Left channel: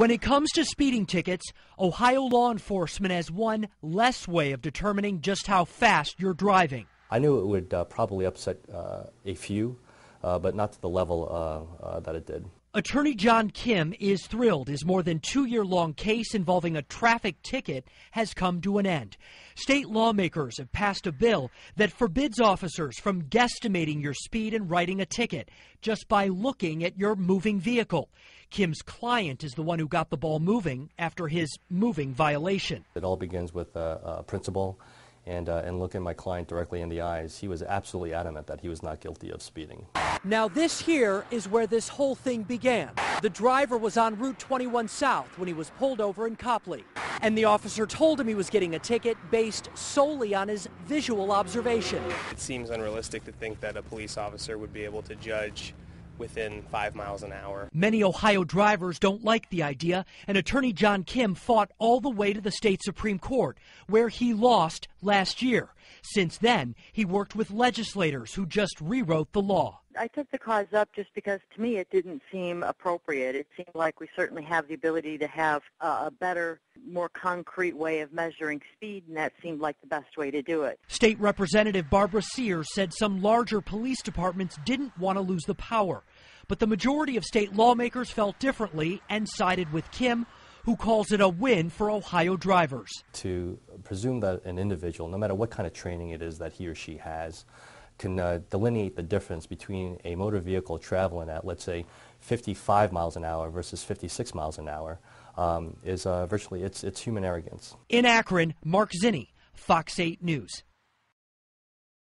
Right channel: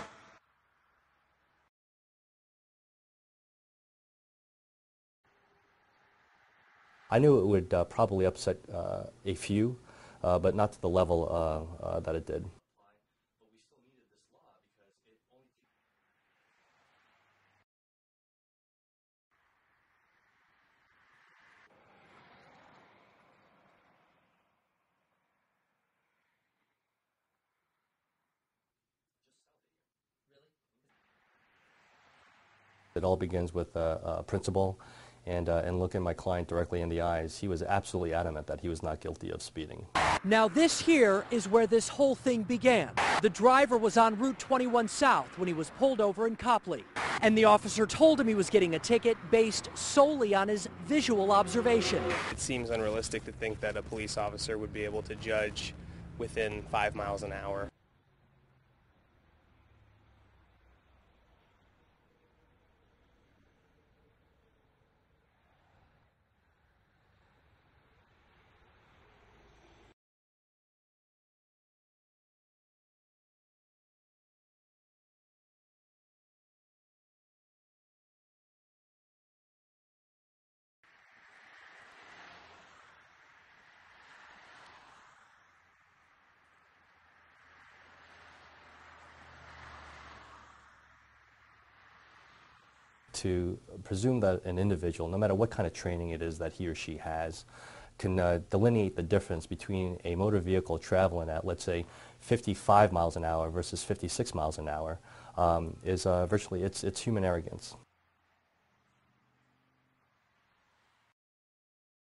When it comes to speeding tickets, Ohio law enforcement has one less way of determining just how fast you're driving. I knew it would probably upset a few, but not to the level that it did. Attorney John Kim is thrilled his more than 2-year-long case involving a traffic ticket has come to an end. State lawmakers have passed a bill that forbids officers from guesstimating your speed and writing a ticket just by looking at your moving vehicle. Kim's client is the one who got the ball moving after his moving violation. It all begins with a principal and looking my client directly in the eyes. He was absolutely adamant that he was not guilty of speeding. Now this here is where this whole thing began. The driver was on Route 21 South when he was pulled over in Copley, and the officer told him he was getting a ticket based solely on his visual observation. It seems unrealistic to think that a police officer would be able to judge within 5 miles an hour. Many Ohio drivers don't like the idea, and attorney John Kim fought all the way to the state Supreme Court, where he lost last year. Since then, he worked with legislators who just rewrote the law. I took the cause up just because, to me, it didn't seem appropriate. It seemed like we certainly have the ability to have a better, more concrete way of measuring speed, and that seemed like the best way to do it. State Representative Barbara Sears said some larger police departments didn't want to lose the power. But the majority of state lawmakers felt differently and sided with Kim, who calls it a win for Ohio drivers. To presume that an individual, no matter what kind of training it is that he or she has, can delineate the difference between a motor vehicle traveling at, let's say, 55 miles an hour versus 56 miles an hour is virtually, it's human arrogance. In Akron, Mark Zinni, Fox 8 News.